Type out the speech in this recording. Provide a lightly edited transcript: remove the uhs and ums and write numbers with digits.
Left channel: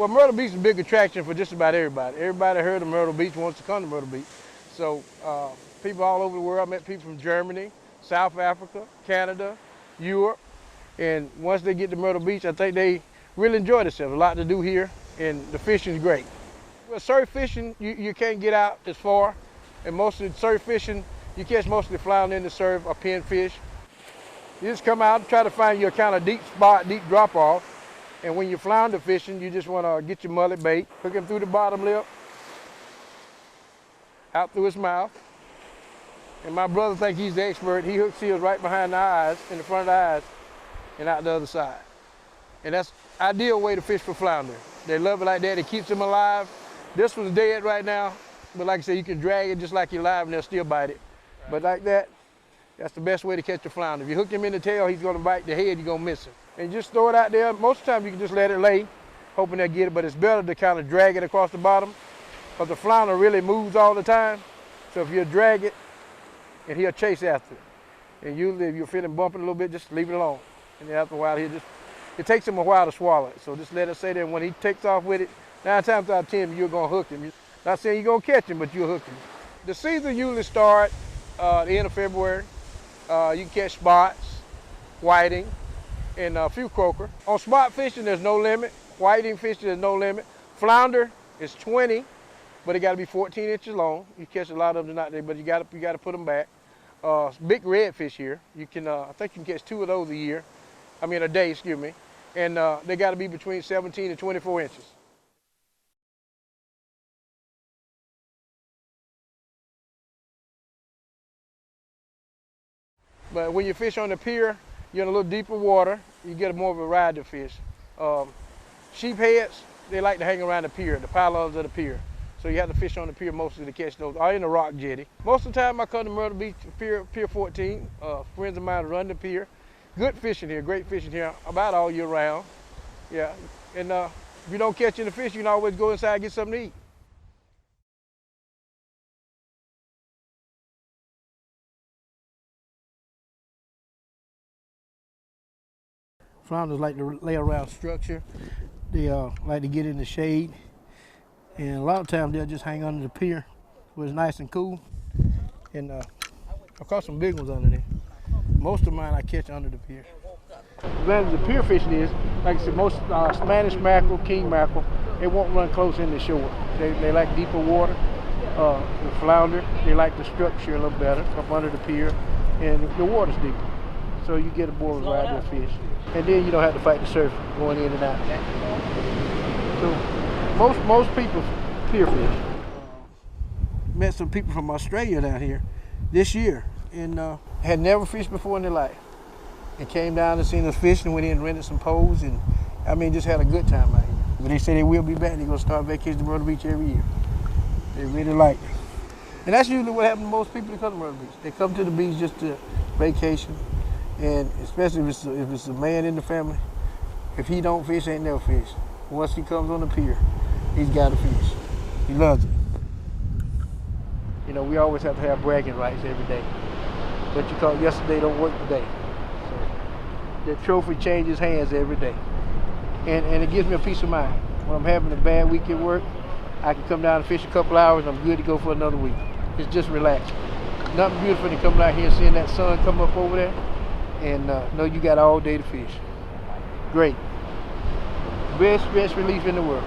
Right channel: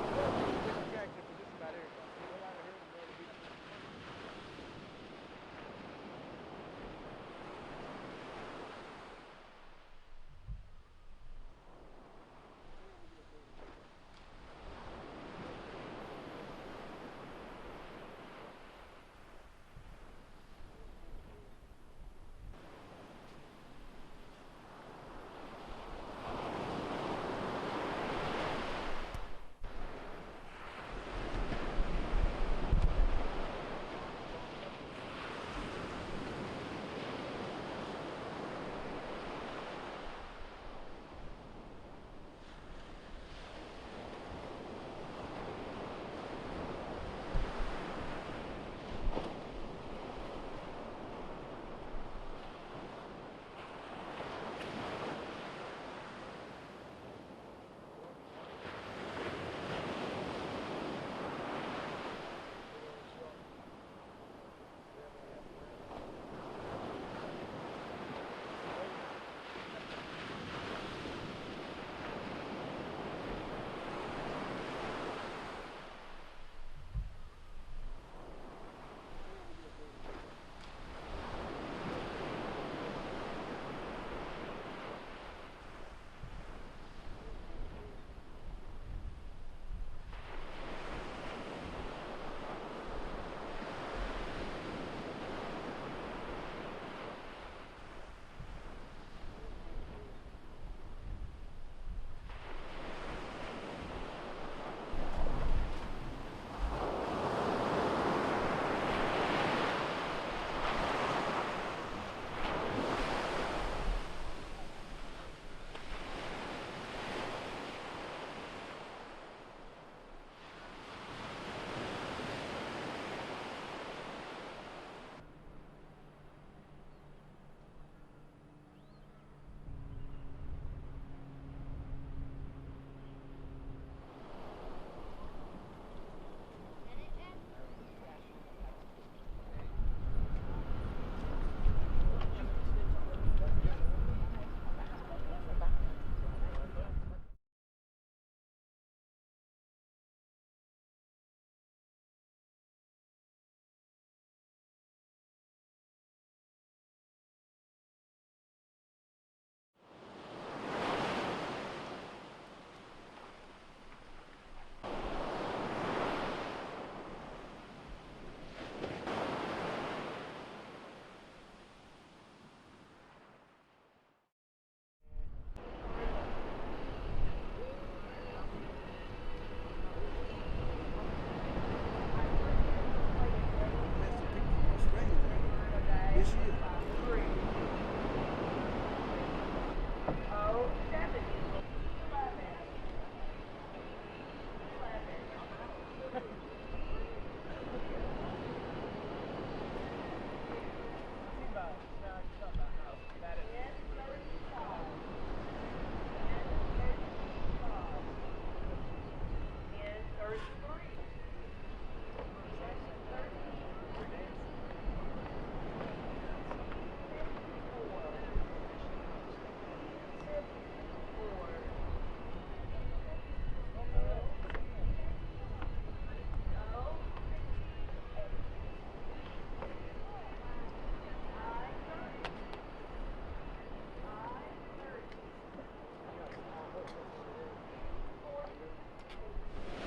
Well, Myrtle Beach is a big attraction for just about everybody. Everybody heard of Myrtle Beach wants to come to Myrtle Beach. So people all over the world, I met people from Germany, South Africa, Canada, Europe. And once they get to Myrtle Beach, I think they really enjoy themselves. A lot to do here, and the fishing is great. Well, surf fishing, you can't get out as far. And most of the surf fishing, you catch mostly flounder in the surf or pinfish. You just come out and try to find your kind of deep spot, deep drop off. And when you're flounder fishing, you just want to get your mullet bait, hook him through the bottom lip, out through his mouth. And my brother thinks he's the expert. He hooks seals right behind the eyes, in the front of the eyes, and out the other side. And that's an ideal way to fish for flounder. They love it like that. It keeps them alive. This one's dead right now, but like I said, you can drag it just like you're live and they'll still bite it. But like that, that's the best way to catch a flounder. If you hook him in the tail, he's going to bite the head, you're going to miss him. And just throw it out there. Most of the time you can just let it lay, hoping they'll get it, but it's better to kind of drag it across the bottom because the flounder really moves all the time. So if you drag it, and he'll chase after it. And usually if you're feeling bumping a little bit, just leave it alone. And after a while, it takes him a while to swallow. So just let it stay there. When he takes off with it, 9 times out of 10, you're going to hook him. Not saying you're going to catch him, but you'll hook him. The season usually starts the end of February. You can catch spots, whiting, and a few croaker. On spot fishing, there's no limit. Whiting fishing, there's no limit. Flounder is 20, but it got to be 14 inches long. You catch a lot of them out there, but you got to put them back. Big redfish here. You can, I think you can catch 2 of those a day, excuse me. And they got to be between 17 and 24 inches. But when you fish on the pier, you're in a little deeper water, you get more of a variety of fish. Sheepheads, they like to hang around the pier, the pylons of the pier. So you have to fish on the pier mostly to catch those, or in the rock jetty. Most of the time I come to Myrtle Beach, Pier 14. Friends of mine run the pier. Good fishing here, great fishing here, about all year round. Yeah, and if you don't catch any fish, you can always go inside and get something to eat. Flounders like to lay around structure. They like to get in the shade. And a lot of times they'll just hang under the pier where it's nice and cool. And I've caught some big ones under there. Most of mine I catch under the pier. The advantage of pier fishing is, like I said, most Spanish mackerel, king mackerel, they won't run close in the shore. They like deeper water. The flounder, they like the structure a little better up under the pier, and the water's deeper. So you get a more variety of fish. And then you don't have to fight the surf going in and out. So most people pier fish. Met some people from Australia down here this year and had never fished before in their life. And came down and seen us fish and went in and rented some poles and just had a good time out here. But they say they will be back. They're gonna start vacation to Myrtle Beach every year. They really like it. And that's usually what happens to most people that come to Myrtle Beach. They come to the beach just to vacation. And especially if it's a man in the family, if he don't fish, ain't never fish. Once he comes on the pier, he's got to fish. He loves it. You know, we always have to have bragging rights every day. What you call yesterday don't work today. So the trophy changes hands every day. And it gives me a peace of mind. When I'm having a bad week at work, I can come down and fish a couple hours and I'm good to go for another week. It's just relaxing. Nothing beautiful than coming out here and seeing that sun come up over there and know you got all day to fish. Great. Best stress relief in the world.